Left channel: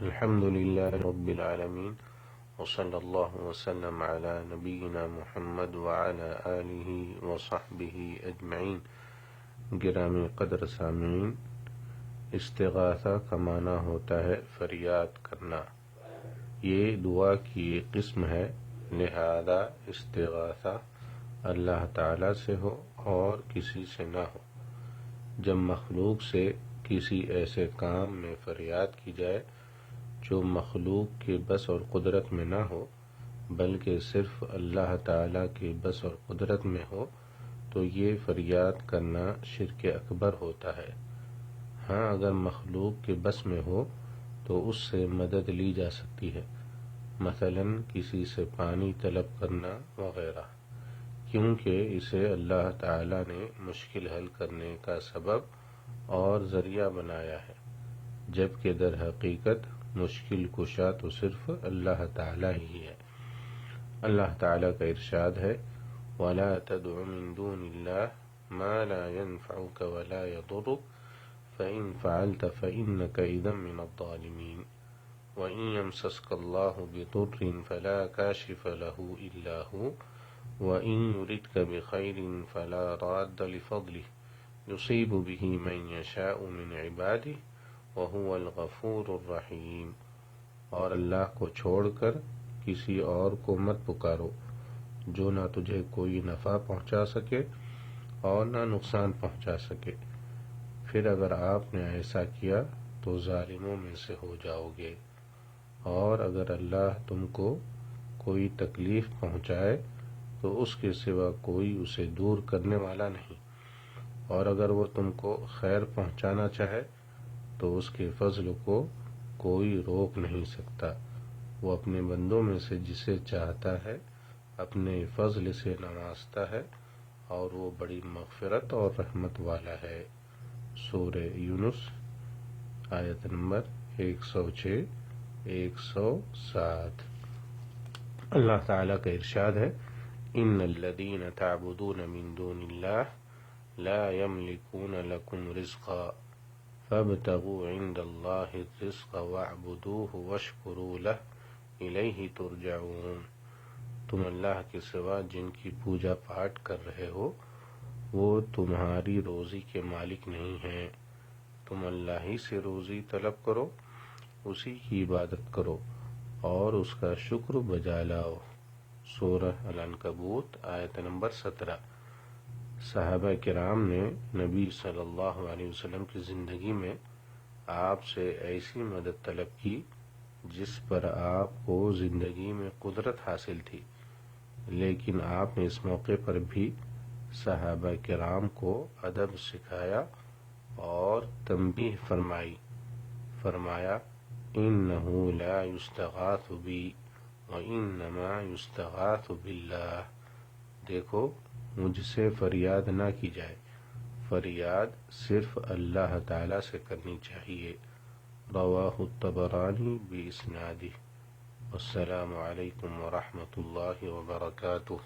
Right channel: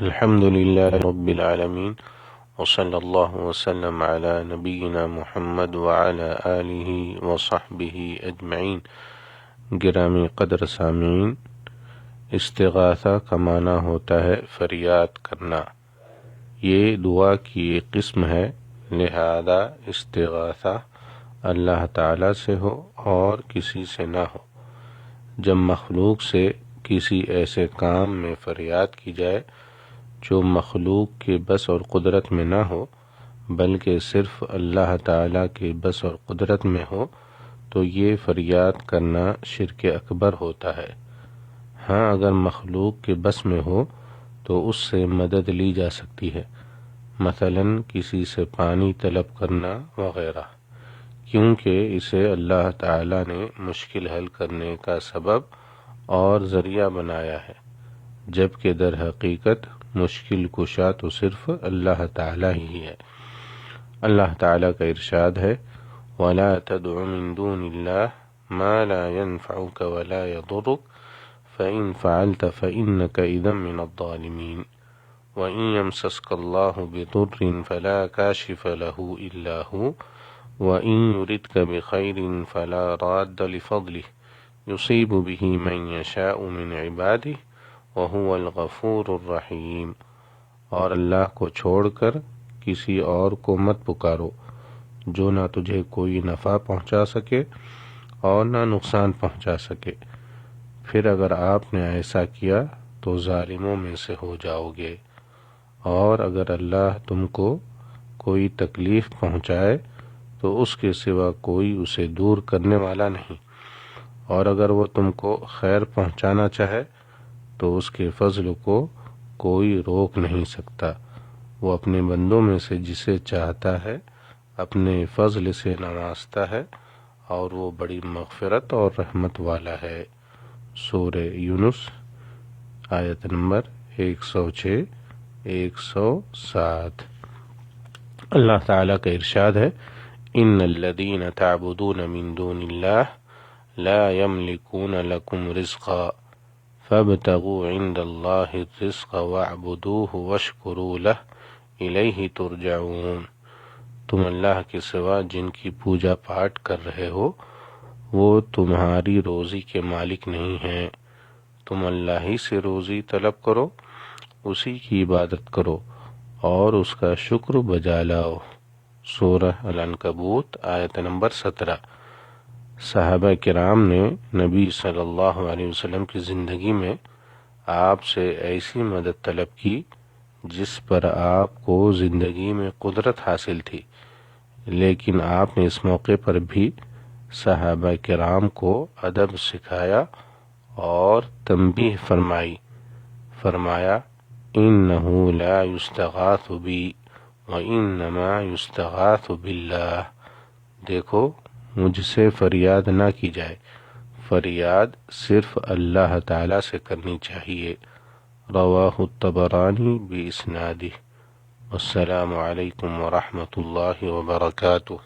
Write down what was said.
الحمد للہ رب العالمین وصلی اللہ وسلم علی نبینا محمد وعلی آلہ وصحبہ اجمعین۔ گرامی قدر سامعین، استغاثہ کا معنی ہوتا ہے فریاد کرنا۔ یہ دعا کی ایک قسم ہے، لہذا استغاثہ اللہ تعالیٰ سے ہو اور کسی سے نہ ہو۔ جب مخلوق سے کسی ایسے کام میں فریاد کی جائے جو مخلوق کے بس اور قدرت میں نہ ہو بلکہ صرف اللہ تعالیٰ کے بس اور قدرت میں ہو، تو یہ فریاد کرنا شرک اکبر ہوتا ہے۔ ہاں، اگر مخلوق کے بس میں ہو تو اس سے مدد لی جا سکتی ہے، مثلا کسی سے پانی طلب کرنا وغیرہ، کیونکہ اسے اللہ تعالیٰ نے مشکل حل کرنے کا سبب اور ذریعہ بنایا ہے، جبکہ در حقیقت مشکل کشا تو صرف اللہ تعالیٰ ہی ہے۔ اللہ تعالیٰ کا ارشاد ہے، وَلَا تَدْعُ مِن دُونِ اللَّهِ مَا لَا يَنفَعُكَ وَلَا يَضُرُّكَ فَإِن فَعَلْتَ فَإِنَّكَ إِذًا مِّنَ الظَّالِمِينَ وَإِن يَمْسَسْكَ اللَّهُ بِضُرٍّ فَلَا كَاشِفَ لَهُ إِلَّا هُوَ وَإِن يُرِدْكَ بِخَيْرٍ فَلَا رَادَّ لِفَضْلِهِ يُصِيبُ بِهِ مَن يَشَاءُ مِنْ عِبَادِهِ وَهُوَ الْغَفُورُ الرَّحِيمُ۔ اور اللہ کو چھوڑ کر کسی اور کو مت پکارو جو نہ تجھے کوئی نفع پہنچا سکے اور نہ نقصان پہنچا سکے، پھر اگر آپ نے ایسا کیا تو ظالموں میں سے ہو جاؤ گے۔ اور اگر اللہ تم کو کوئی تکلیف پہنچائے تو اس کے سوا کوئی اسے دور کرنے والا نہیں، اور اگر وہ تم کو خیر پہنچانا چاہے تو اس کے فضل کو کوئی روک نہیں سکتا۔ وہ اپنے بندوں میں سے جسے چاہتا ہے اپنے فضل سے نوازتا ہے، اور وہ بڑی مغفرت اور رحمت والا ہے۔ سورہ یونس آیت نمبر 106 107۔ اللہ تعالیٰ کا ارشاد ہے، ان الذین تعبدون من دون اللہ لا یملکون لکم رزقا فابتغوا عند اللہ الرزق واعبدوہ واشکروا لہ الیہ ترجعون۔ تم اللہ کے سوا جن کی پوجا پاٹ کر رہے ہو وہ تمہاری روزی کے مالک نہیں ہیں، تم اللہ ہی سے روزی طلب کرو، اسی کی عبادت کرو اور اس کا شکر بجا لاؤ۔ سورہ العنکبوت آیت نمبر 17۔ صحابہ کرام نے نبی صلی اللہ علیہ وسلم کی زندگی میں آپ سے ایسی مدد طلب کی جس پر آپ کو زندگی میں قدرت حاصل تھی، لیکن آپ نے اس موقع پر بھی صحابہ کرام کو ادب سکھایا اور تنبیہ فرمایا انہ لا یستغاث بی وانما یستغاث باللہ۔ دیکھو، مجھ سے فریاد نہ کی جائے، فریاد صرف اللہ تعالیٰ سے کرنی چاہیے۔ رواہ الطبرانی باسنادہ۔ السلام علیکم ورحمۃ اللہ وبرکاتہ۔